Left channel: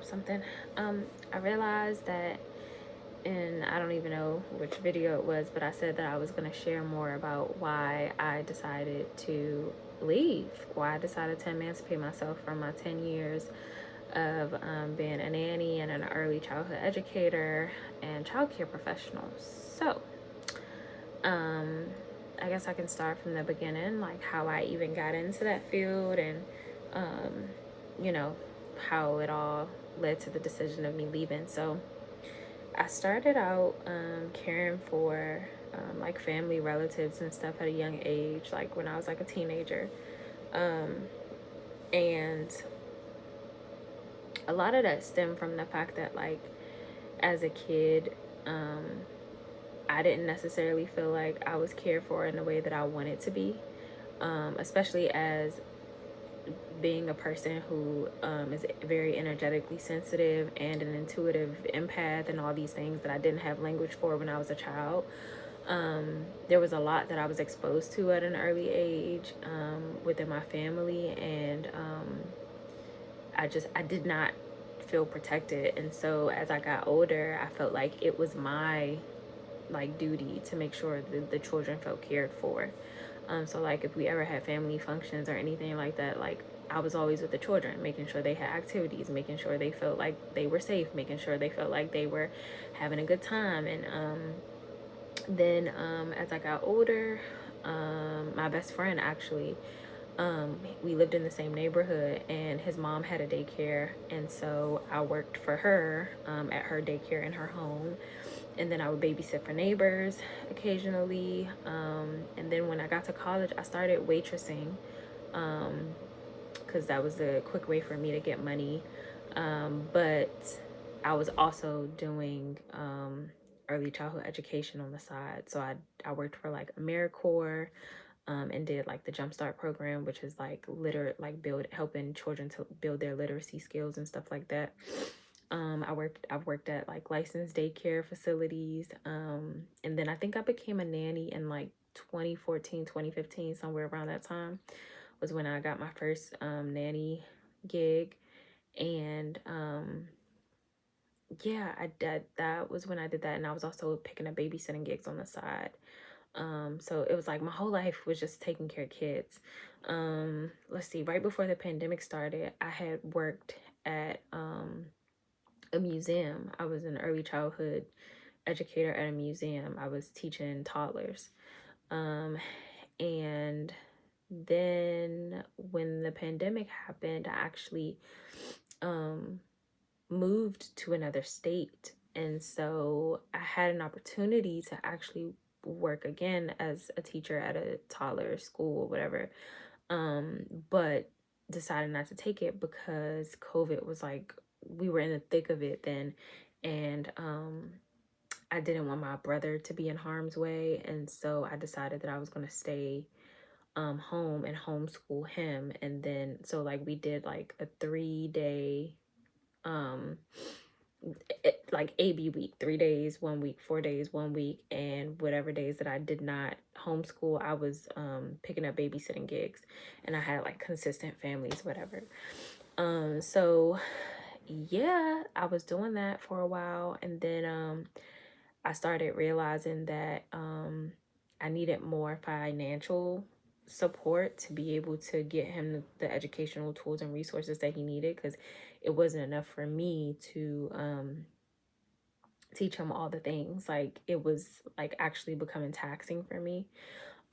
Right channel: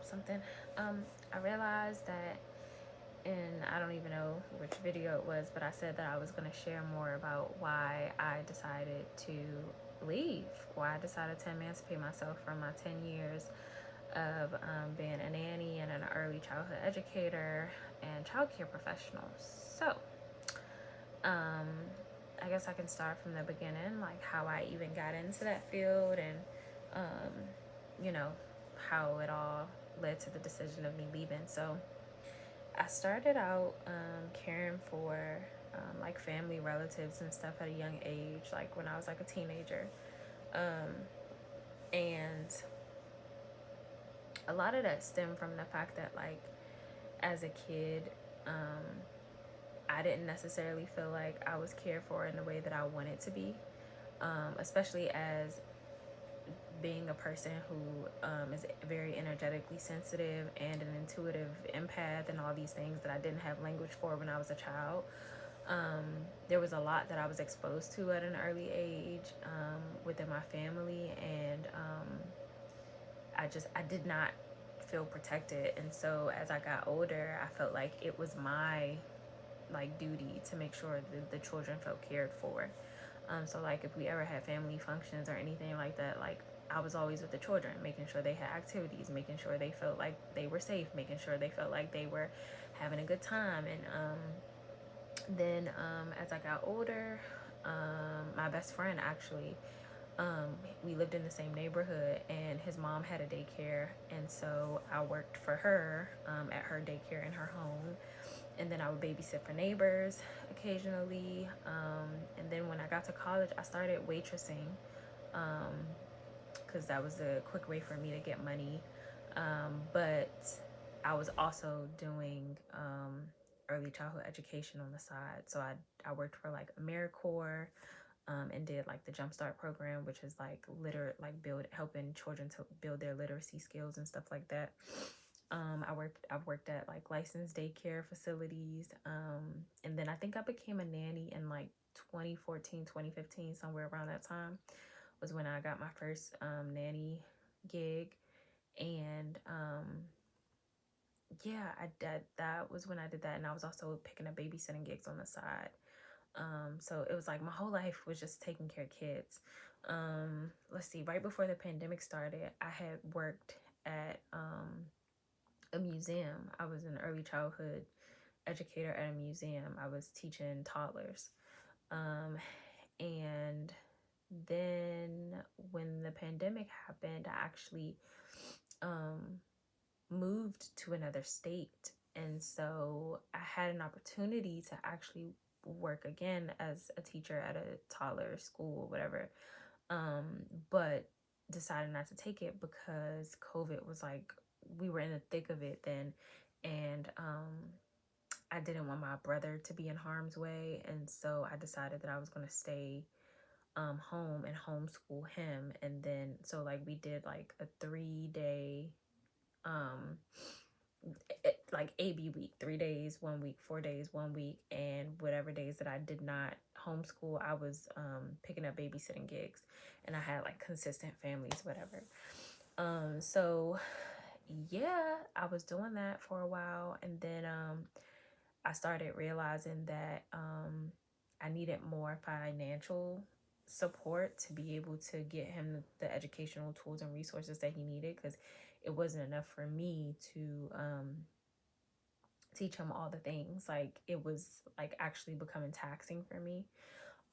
drop something. I realized that, and I don't even know which video it was, but I said that I was going to share more about why I decided to leave, why I decided to emancipate myself from my 10 years of being a nanny and an early childhood educator and childcare professional. So, um, I guess I can start from the beginning, like how I even got into that field and, um, you know, how it all led to the decision of me leaving. So, I started out caring for like family relatives and stuff at a young age, like when I was like a teenager. Um, and a lot of that stemmed from the fact that, like, as a kid, um, I didn't necessarily feel like I was cared for in the way that I wanted to be, especially as being a person who is very energetically sensitive and an intuitive empath and all these things that I didn't have language for when I was a child. There was a lot that I was exposed to at an early age within my family, and I did not feel protected. And so as I got older, I felt like it was my like duty to make sure that the children felt cared for. So like if we ever had family functions or anything like that, like I was always with the children, making sure they had activities, making sure they felt like they were safe, making sure they felt like they were having a good time. And then as I got older, my best friend actually, we lived in the same neighborhood, and his mom had a daycare, and so I worked for her at her daycare in her home, and then I would babysit for neighbors occasionally. And then when I got to college, I started waitressing because that was a quick way for me to get money. But I was also doing early childhood education on the side. So I worked for like AmeriCorps and did like the Jumpstart program, which is like helping children to build their literacy skills and stuff like that. I've worked at like licensed daycare facilities. And then I think I became a nanny in like 2014, 2015, somewhere around that time was when I got my first nanny gig. And yeah, that was when I did that. And I was also picking up babysitting gigs on the side. So it was like my whole life was just taking care of kids. Let's see, right before the pandemic started, I had worked at a museum. I was an early childhood educator at a museum. I was teaching toddlers. And then when the pandemic happened, I actually moved to another state. And so I had an opportunity to actually work again as a teacher at a toddler school or whatever. But decided not to take it because COVID was like, we were in the thick of it then. And I didn't want my brother to be in harm's way. And so I decided that I was going to stay home and homeschool him. And then, so like we did like a 3-day like AB week, 3 days 1 week, 4 days 1 week, and whatever days that I did not homeschool, I was picking up babysitting gigs, and I had like consistent families, whatever. So yeah, I was doing that for a while, and then I started realizing that I needed more financial support to be able to get him the educational tools and resources that he needed, because it wasn't enough for me to teach him all the things. Like it was like actually becoming taxing for me.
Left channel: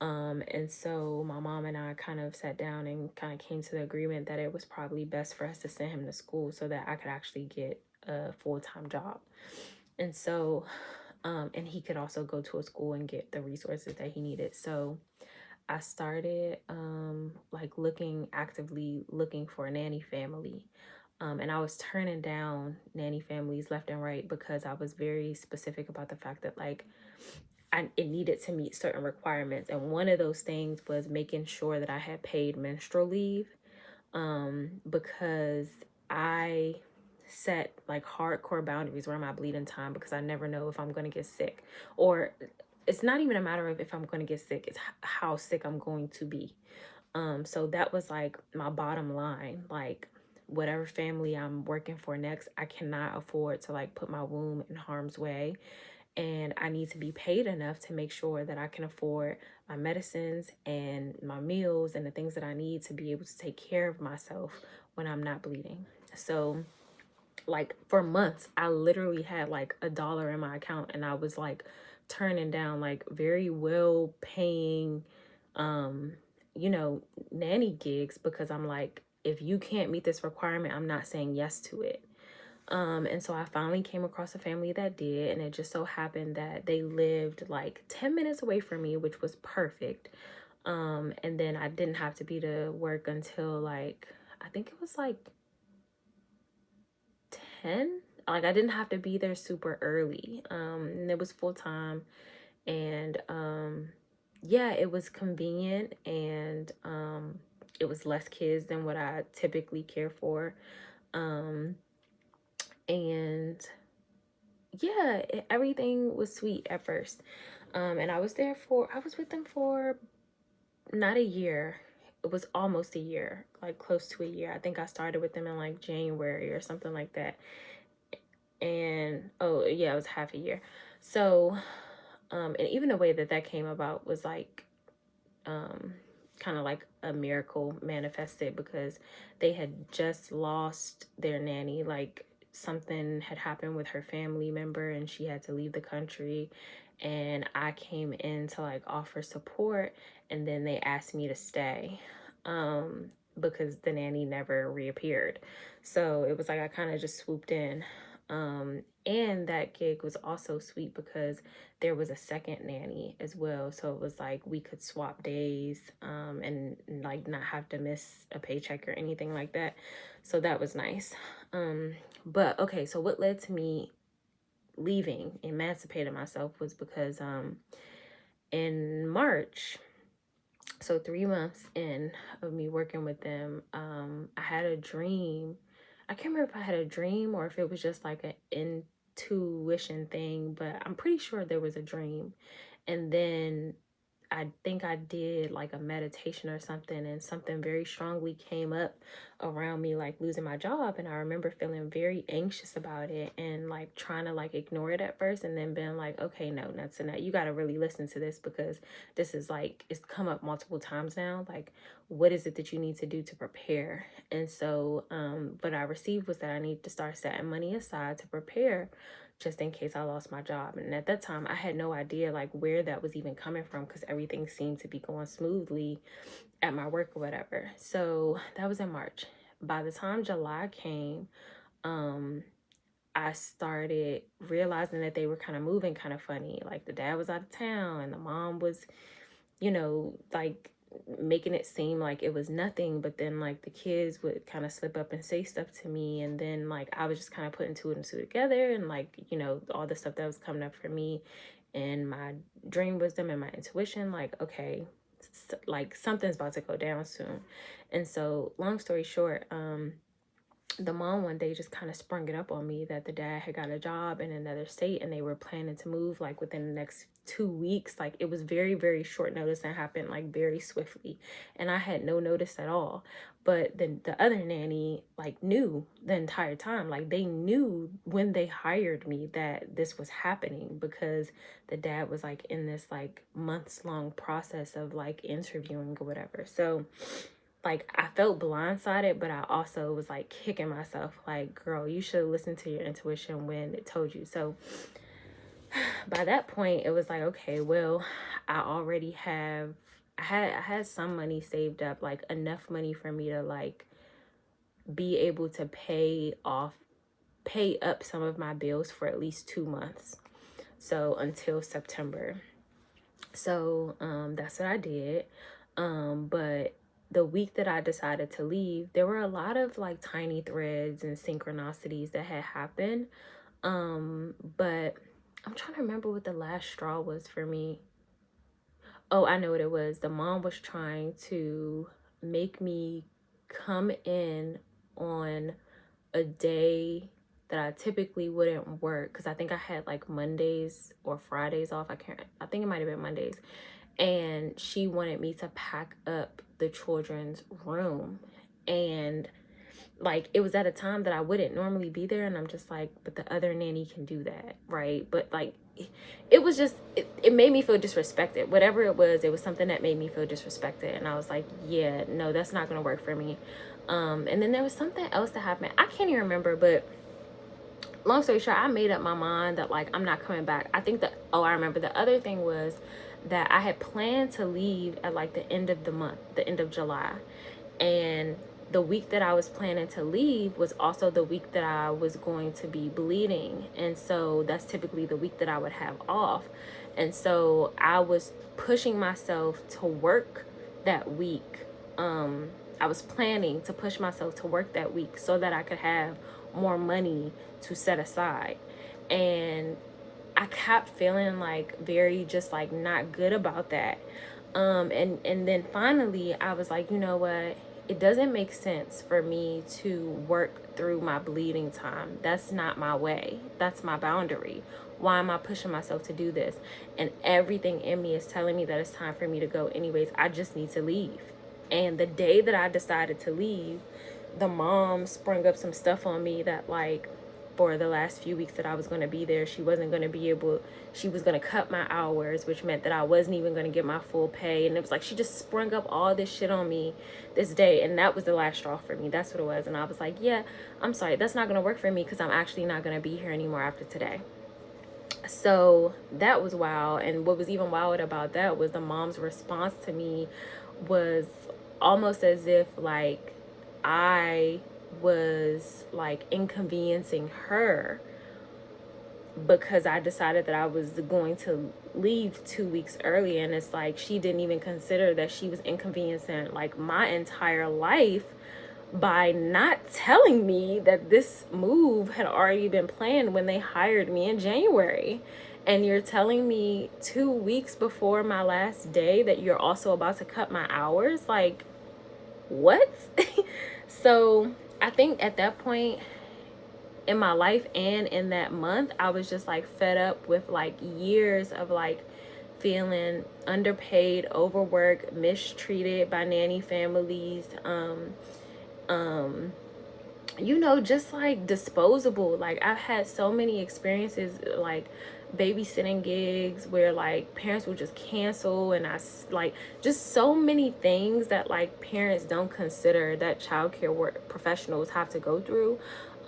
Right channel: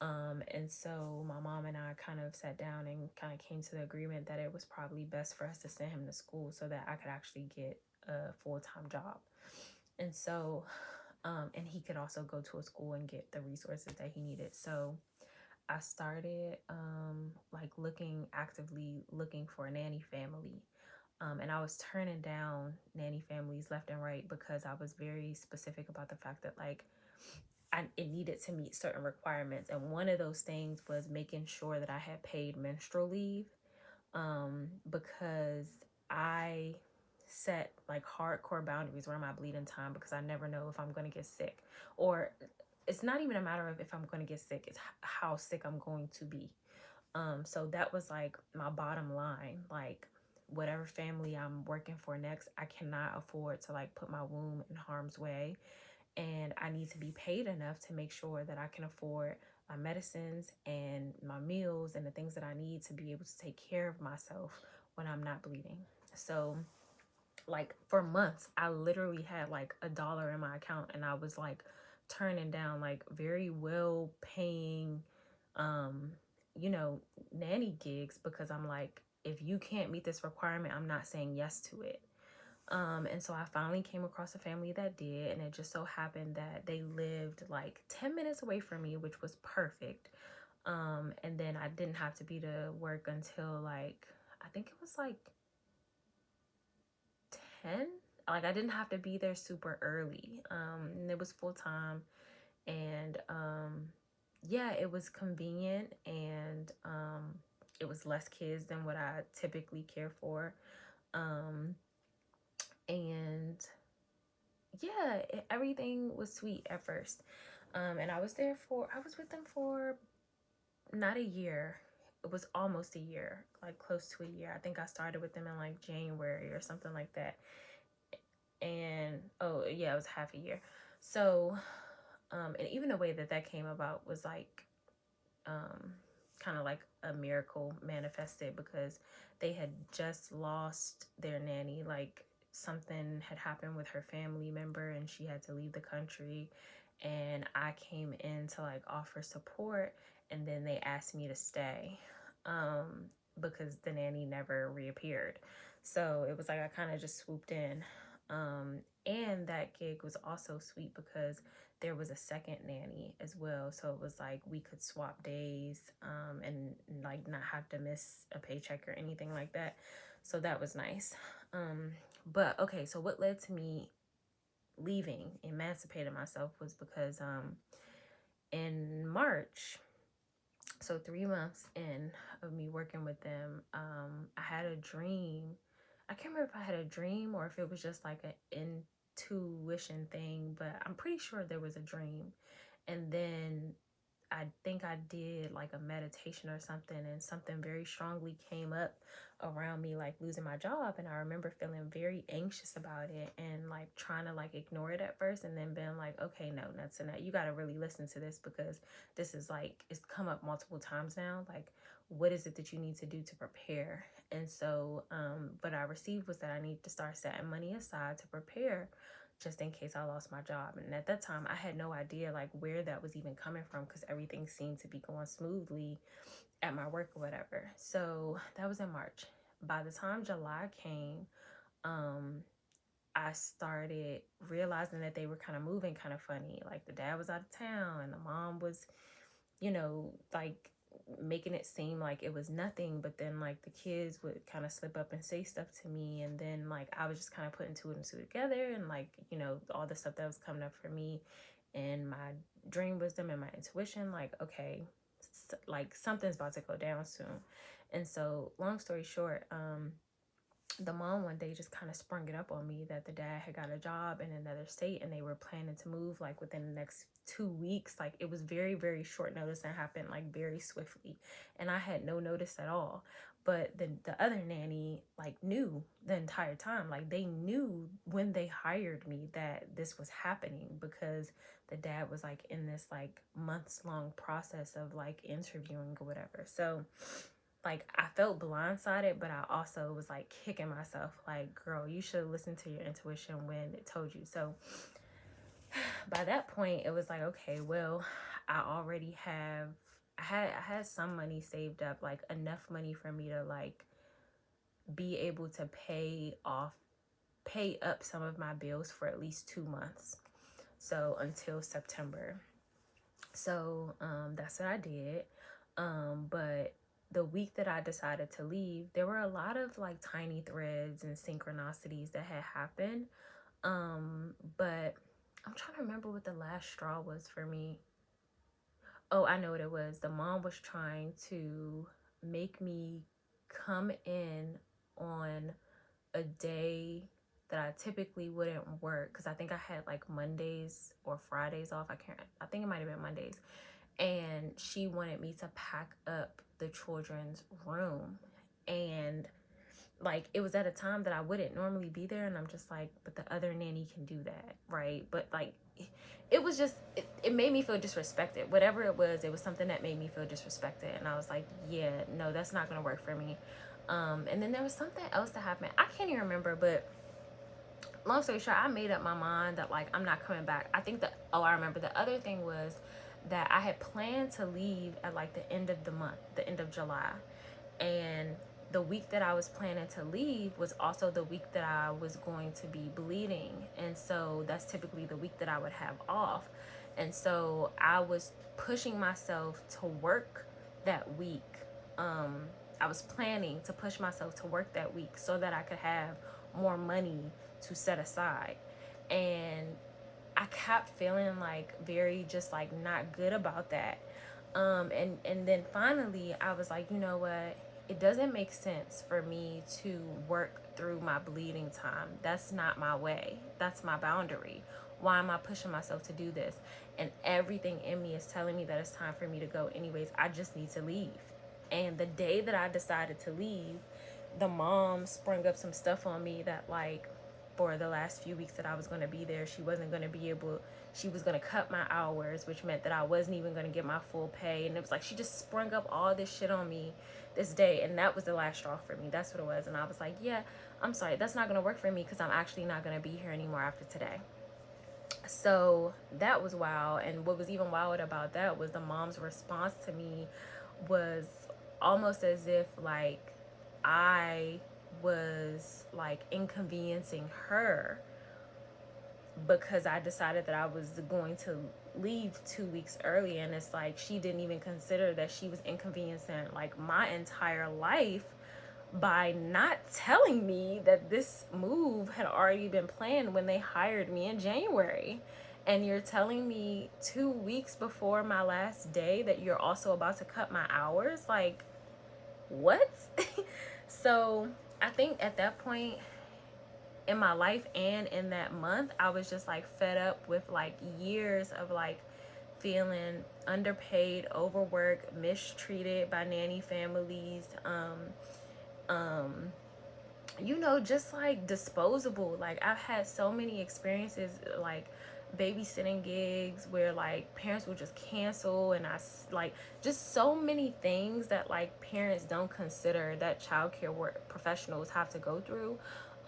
And so my mom and I kind of sat down and kind of came to the agreement that it was probably best for us to send him to school so that I could actually get a full-time job. And so and he could also go to a school and get the resources that he needed. So I started like actively looking for a nanny family. And I was turning down nanny families left and right because I was very specific about the fact that like it needed to meet certain requirements. And one of those things was making sure that I had paid menstrual leave, because I set like hardcore boundaries around my bleeding time because I never know if I'm going to get sick. Or it's not even a matter of if I'm going to get sick, it's how sick I'm going to be. So that was like my bottom line. Like whatever family I'm working for next, I cannot afford to like put my womb in harm's way. And I need to be paid enough to make sure that I can afford my medicines and my meals and the things that I need to be able to take care of myself when I'm not bleeding. So like for months, I literally had like $1 in my account, and I was like turning down like very well paying, um, you know, nanny gigs, because I'm like, if you can't meet this requirement, I'm not saying yes to it. And so I finally came across a family that did, and it just so happened that they lived like 10 minutes away from me, which was perfect. And then I didn't have to be to work until like, I think it was like 10. Like I didn't have to be there super early. And it was full time, and yeah, it was convenient, and it was less kids than what I typically care for. Um, and yeah, everything was sweet at first. And I was with them for not a year. It was almost a year, like close to a year. I think I started with them in like January or something like that. And oh yeah, it was half a year. So, and even the way that that came about was like, um, kind of like a miracle manifested, because they had just lost their nanny. Like something had happened with her family member and she had to leave the country, and I came in to like offer support, and then they asked me to stay, um because the nanny never reappeared. So it was like I kind of just swooped in. And that gig was also sweet because there was a second nanny as well. So it was like we could swap days, and like not have to miss a paycheck or anything like that. So that was nice. But okay, so what led to me leaving, emancipating myself, was because in March, so 3 months in of me working with them, I had a dream. I can't remember if I had a dream or if it was just like an intuition thing, but I'm pretty sure there was a dream. And then I think I did like a meditation or something, and something very strongly came up around me, like losing my job. And I remember feeling very anxious about it and like trying to like ignore it at first, and then being like, okay, no, that's enough. You got to really listen to this, because this is like, it's come up multiple times now. Like, what is it that you need to do to prepare? And so, what I received was that I need to start setting money aside to prepare, just in case I lost my job. And at that time, I had no idea like where that was even coming from, because everything seemed to be going smoothly at my work or whatever. So that was in March. By the time July came, I started realizing that they were kind of moving kind of funny. Like the dad was out of town, and the mom was, like making it seem like it was nothing, but then like the kids would kind of slip up and say stuff to me, and then like I was just kind of putting two and two together, and like, all the stuff that was coming up for me and my dream wisdom and my intuition, like, okay, like something's about to go down soon. And so long story short, the mom one day just kind of sprung it up on me that the dad had got a job in another state, and they were planning to move like within the next 2 weeks. Like it was very, very short notice and happened like very swiftly. And I had no notice at all. But then the other nanny like knew the entire time. Like they knew when they hired me that this was happening, because the dad was like in this like months long process of like interviewing or whatever. So like I felt blindsided, but I also was like kicking myself like, girl, you should listen to your intuition when it told you. So by that point it was like, okay, well, I had some money saved up, like enough money for me to like be able to pay up some of my bills for at least 2 months, so until September. So that's what I did. But the week that I decided to leave, there were a lot of like tiny threads and synchronicities that had happened. But I'm trying to remember what the last straw was for me. Oh, I know what it was. The mom was trying to make me come in on a day that I typically wouldn't work, because I think I had like Mondays or Fridays off. I think it might have been Mondays. And she wanted me to pack up the children's room. And like, it was at a time that I wouldn't normally be there, and I'm just like, but the other nanny can do that, right? But like, it was just, it made me feel disrespected. Whatever it was something that made me feel disrespected, and I was like, yeah, no, that's not gonna work for me. And then there was something else that happened. I can't even remember, but long story short, I made up my mind that like I'm not coming back. I think that, oh, I remember the other thing was that I had planned to leave at like the end of the month, the end of July. And the week that I was planning to leave was also the week that I was going to be bleeding. And so that's typically the week that I would have off. And so I was pushing myself to work that week. I was planning to push myself to work that week so that I could have more money to set aside. And I kept feeling like very just like not good about that. And then finally I was like, you know what? It doesn't make sense for me to work through my bleeding time. That's not my way. That's my boundary. Why am I pushing myself to do this? And everything in me is telling me that it's time for me to go anyways. I just need to leave. And the day that I decided to leave, the mom sprung up some stuff on me that like for the last few weeks that I was going to be there, she wasn't going to be able, she was going to cut my hours, which meant that I wasn't even going to get my full pay. And it was like, she just sprung up all this shit on me this day. And that was the last straw for me. That's what it was. And I was like, yeah, I'm sorry. That's not going to work for me because I'm actually not going to be here anymore after today. So that was wild. And what was even wild about that was the mom's response to me was almost as if like I was like inconveniencing her because I decided that I was going to leave 2 weeks early. And it's like she didn't even consider that she was inconveniencing like my entire life by not telling me that this move had already been planned when they hired me in January. And you're telling me 2 weeks before my last day that you're also about to cut my hours? Like, what? So I think at that point in my life and in that month, I was just like fed up with like years of like feeling underpaid, overworked, mistreated by nanny families, you know, just like disposable. Like I've had so many experiences like babysitting gigs where like parents will just cancel, and I like just so many things that like parents don't consider that childcare work professionals have to go through,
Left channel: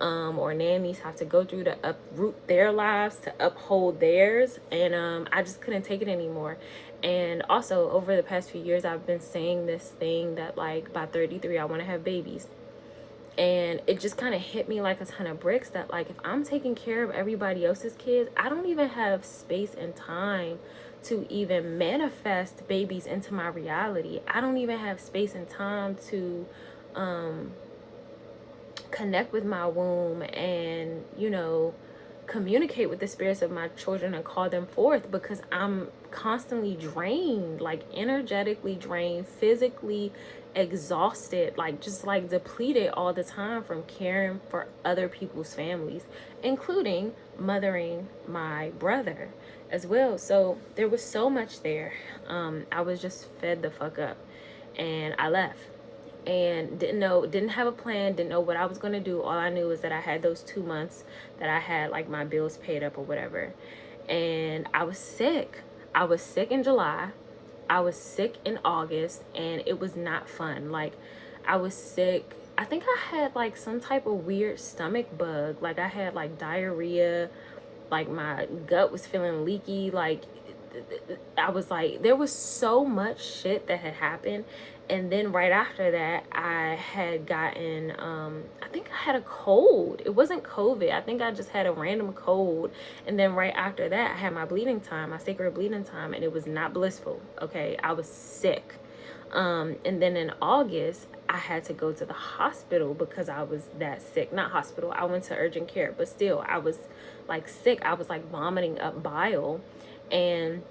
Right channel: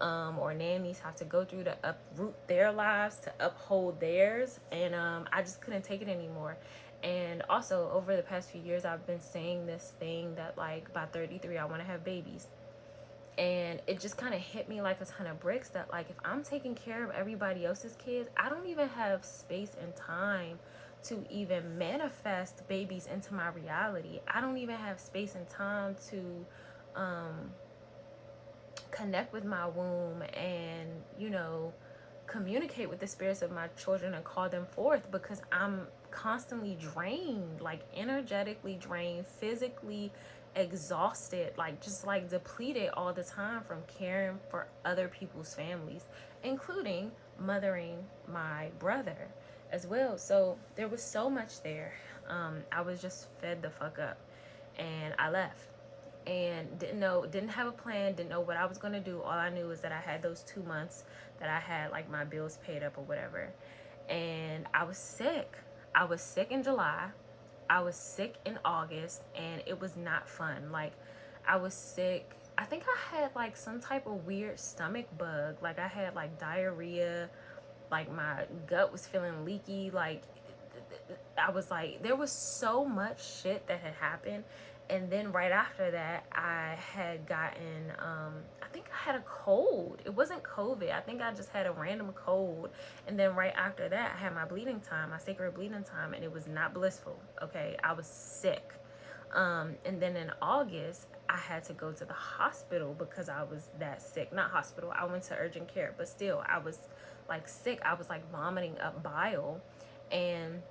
or nannies have to go through to uproot their lives to uphold theirs. And I just couldn't take it anymore. And also over the past few years I've been saying this thing that like by 33 I want to have babies. And it just kind of hit me like a ton of bricks that like if I'm taking care of everybody else's kids, I don't even have space and time to even manifest babies into my reality. I don't even have space and time to connect with my womb and, you know, communicate with the spirits of my children and call them forth, because I'm constantly drained, like energetically drained, physically exhausted, like just like depleted all the time from caring for other people's families, including mothering my brother as well. So there was so much there. I was just fed the fuck up, and I left and didn't have a plan, didn't know what I was going to do. All I knew was that I had those 2 months that I had like my bills paid up or whatever. And I was sick. I was sick in July. I was sick in August, and it was not fun. Like I was sick. I think I had like some type of weird stomach bug. Like I had like diarrhea, like my gut was feeling leaky. Like I was like, there was so much shit that had happened. And then right after that, I had gotten, I think I had a cold. It wasn't COVID. I think I just had a random cold. And then right after that, I had my bleeding time, my sacred bleeding time, and it was not blissful. Okay, I was sick. And then in August, I had to go to the hospital because I was that sick. Not hospital, I went to urgent care, but still, I was like sick. I was like vomiting up bile. And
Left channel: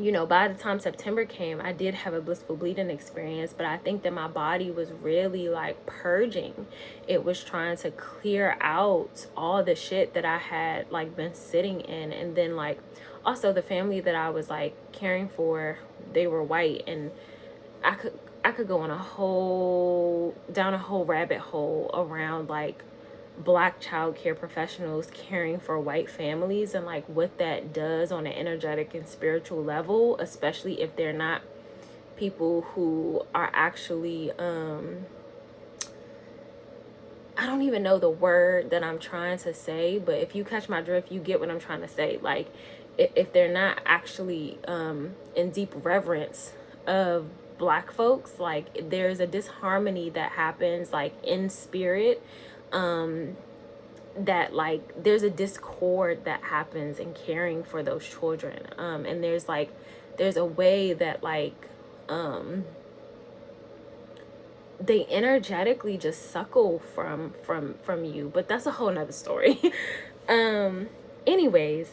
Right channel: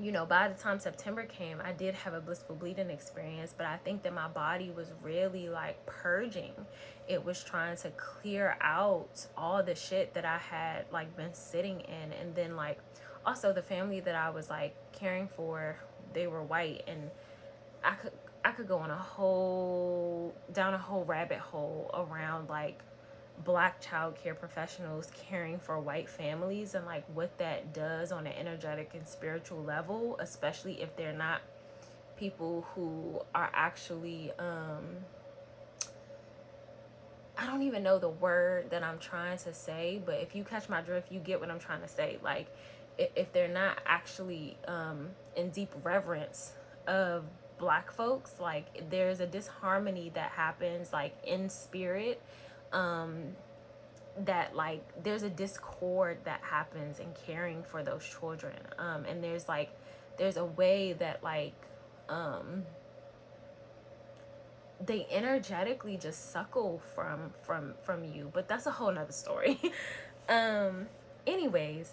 you know, by the time September came, I did have a blissful bleeding experience, but I think that my body was really like purging. It was trying to clear out all the shit that I had like been sitting in. And then like also the family that I was like caring for, they were white, and I could go on down a whole rabbit hole around like Black child care professionals caring for white families and like what that does on an energetic and spiritual level, especially if they're not people who are actually I don't even know the word that I'm trying to say, but if you catch my drift, you get what I'm trying to say. Like, if they're not actually in deep reverence of Black folks, like there's a disharmony that happens like in spirit, that like there's a discord that happens in caring for those children, and there's a way that like they energetically just suckle from you, but that's a whole nother story. Anyways,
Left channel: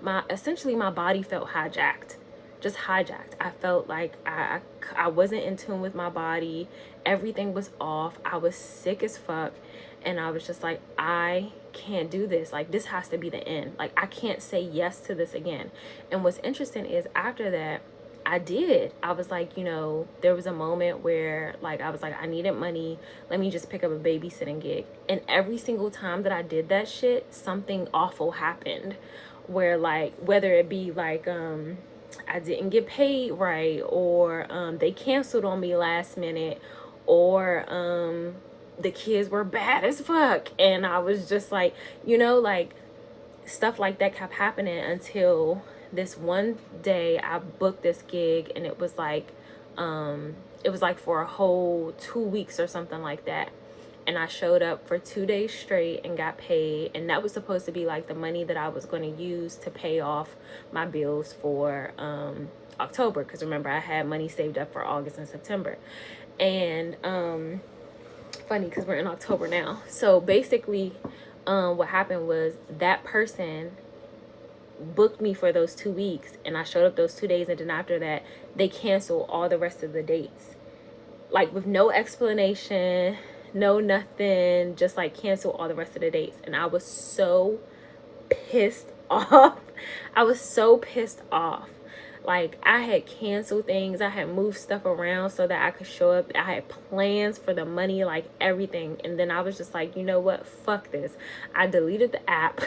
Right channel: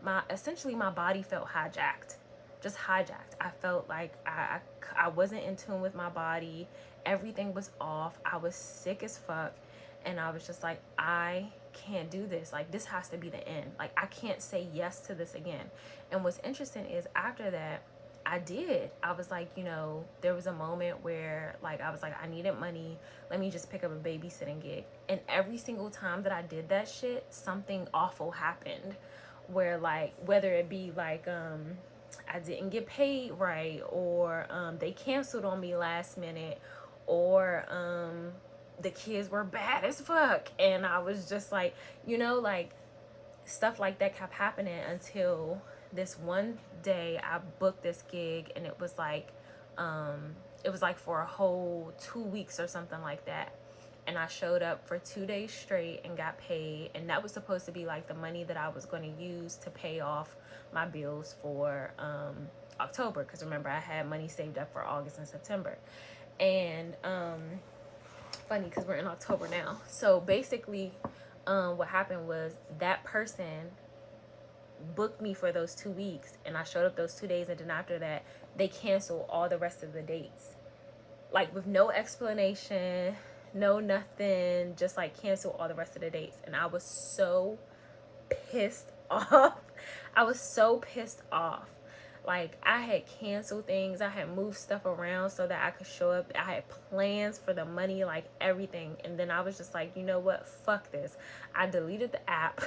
my body felt hijacked, just hijacked. I felt like I wasn't in tune with my body. Everything was off. I was sick as fuck, and I was just like, I can't do this. Like, this has to be the end. Like, I can't say yes to this again. And what's interesting is after that, I did. I was like, there was a moment where like I was like, I needed money. Let me just pick up a babysitting gig. And every single time that I did that shit, something awful happened. Where like, whether it be like I didn't get paid right, or they canceled on me last minute, or the kids were bad as fuck, and I was just like, like stuff like that kept happening until this one day I booked this gig, and it was like for a whole 2 weeks or something like that. And I showed up for 2 days straight and got paid, and that was supposed to be like the money that I was going to use to pay off my bills for October, because remember, I had money saved up for August and September. And funny because we're in October now. So basically what happened was that person booked me for those 2 weeks, and I showed up those 2 days, and then after that they canceled all the rest of the dates, like with no explanation, no nothing, just like cancel all the rest of the dates. And I was so pissed off. I was so pissed off. Like, I had canceled things, I had moved stuff around so that I could show up, I had plans for the money, like everything. And then I was just like, you know what, fuck this. I deleted the app.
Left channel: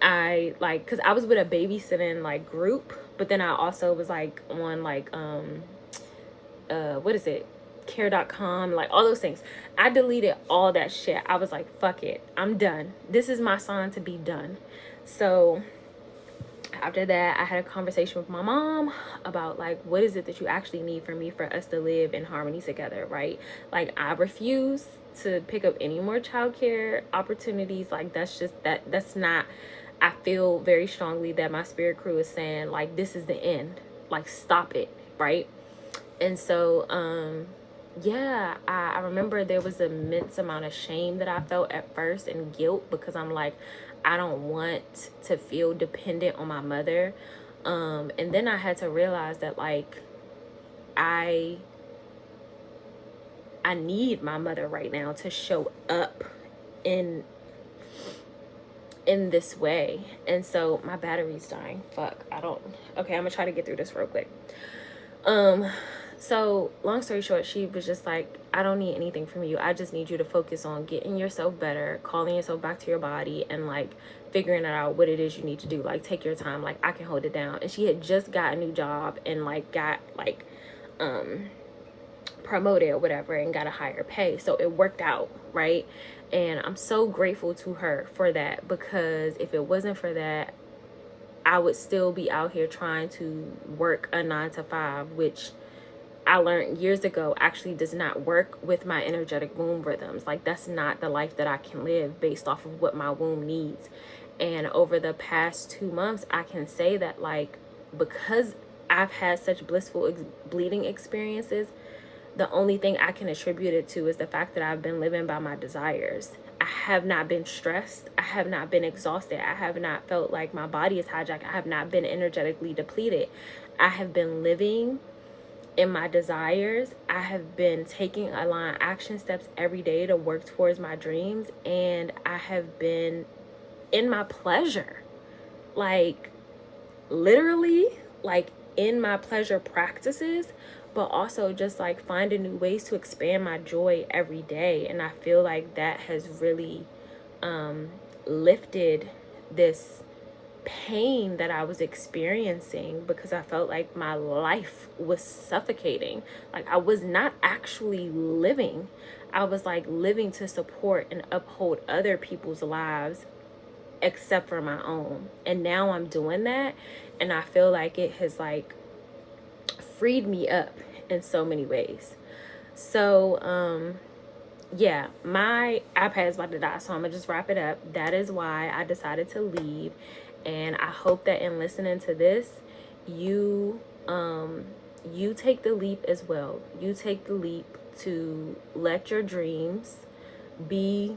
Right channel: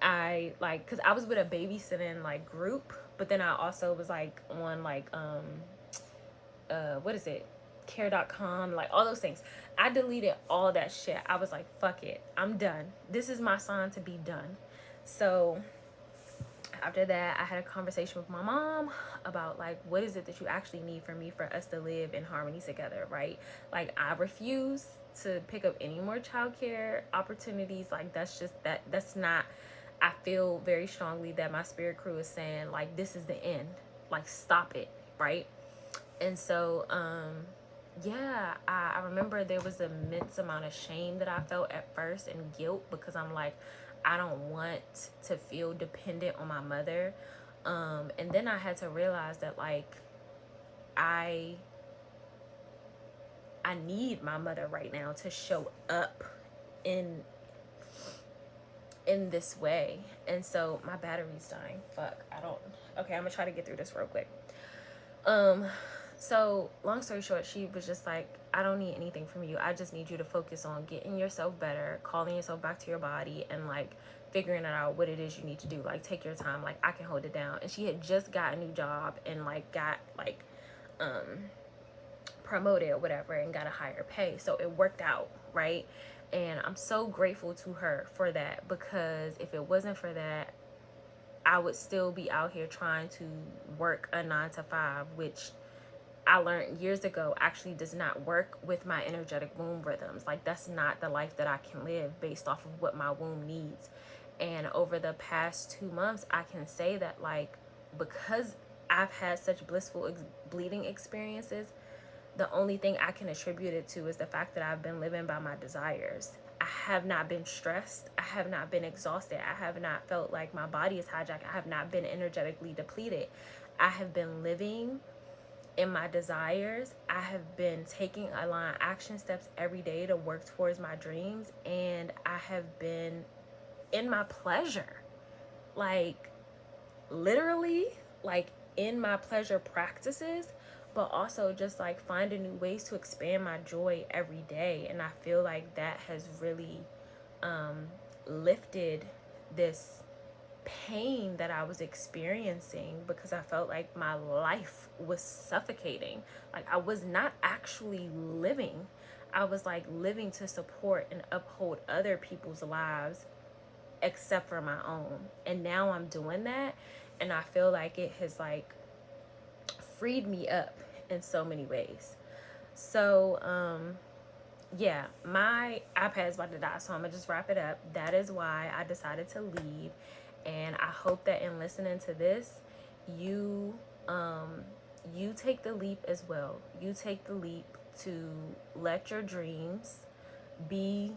I like, because I was with a babysitting like group, but then I also was like on like what is it, care.com, like all those things. I deleted all that shit. I was like, fuck it, I'm done. This is my sign to be done. So after that, I had a conversation with my mom about like, what is it that you actually need from me for us to live in harmony together, right? Like, I refuse to pick up any more childcare opportunities. Like, that's not, I feel very strongly that my spirit crew is saying like, this is the end, like stop it, right? And so yeah, I remember there was an immense amount of shame that I felt at first, and guilt, because I'm like, I don't want to feel dependent on my mother. And then I had to realize that like I need my mother right now to show up in this way. And so my battery's dying. Fuck. Okay, I'm gonna try to get through this real quick. So long story short, she was just like, I don't need anything from you. I just need you to focus on getting yourself better, calling yourself back to your body, and like figuring out what it is you need to do. Like, take your time. Like, I can hold it down. And she had just got a new job and like got like promoted or whatever, and got a higher pay. So it worked out, right? And I'm so grateful to her for that, because if it wasn't for that, I would still be out here trying to work a 9 to 5, which I learned years ago actually does not work with my energetic womb rhythms. Like, that's not the life that I can live based off of what my womb needs. And over the past 2 months, I can say that like, because I've had such blissful bleeding experiences, the only thing I can attribute it to is the fact that I've been living by my desires. I have not been stressed. I have not been exhausted. I have not felt like my body is hijacked. I have not been energetically depleted. I have been living in my desires. I have been taking aligned action steps every day to work towards my dreams. And I have been in my pleasure. Like, literally, like in my pleasure practices but also just like finding new ways to expand my joy every day. And I feel like that has really lifted this pain that I was experiencing, because I felt like my life was suffocating. Like I was not actually living. I was like living to support and uphold other people's lives except for my own. And now I'm doing that, and I feel like it has like freed me up in so many ways. So yeah, my iPad is about to die, so I'm gonna just wrap it up. That is why I decided to leave, and I hope that in listening to this, you you take the leap as well. You take the leap to let your dreams be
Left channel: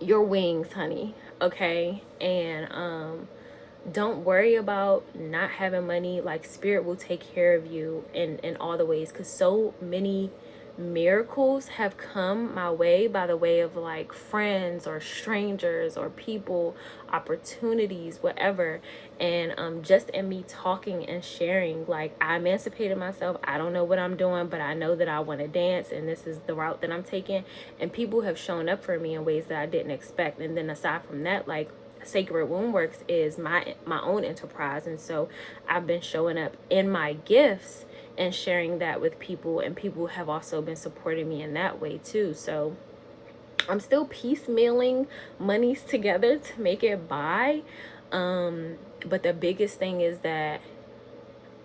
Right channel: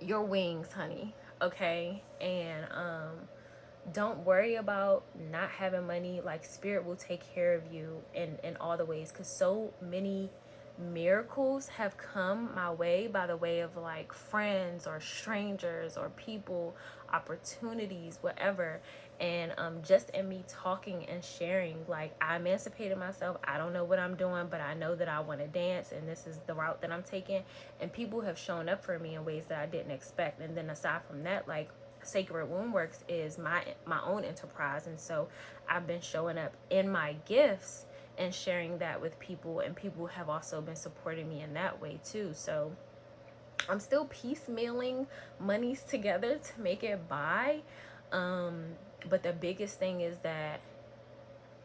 your wings, honey. Okay? And don't worry about not having money. Like, spirit will take care of you in all the ways, because so many miracles have come my way by the way of like friends or strangers or people, opportunities, whatever. And just in me talking and sharing, like, I emancipated myself. I don't know what I'm doing, but I know that I want to dance, and this is the route that I'm taking. And people have shown up for me in ways that I didn't expect. And then aside from that, like, Sacred Womb Works is my own enterprise, and so I've been showing up in my gifts and sharing that with people, and people have also been supporting me in that way too. So I'm still piecemealing monies together to make it by, but the biggest thing is that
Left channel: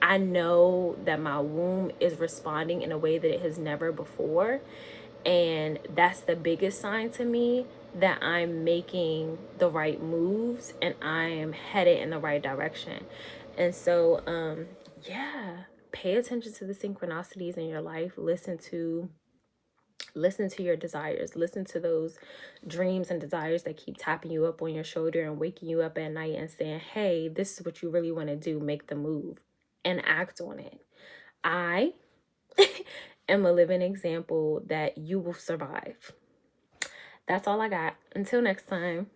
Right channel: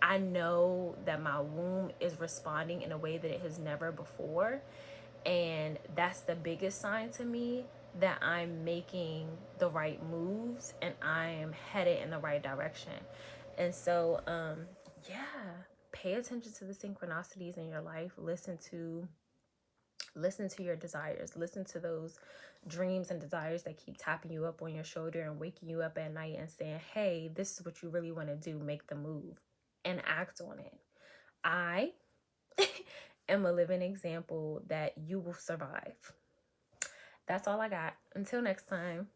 I know that my womb is responding in a way that it has never before. And that's the biggest sign to me that I'm making the right moves and I am headed in the right direction. And so, yeah, pay attention to the synchronicities in your life. Listen to your desires. Listen to those dreams and desires that keep tapping you up on your shoulder and waking you up at night and saying, hey, this is what you really want to do. Make the move and act on it. I am a living example that you will survive. That's all I got. Until next time.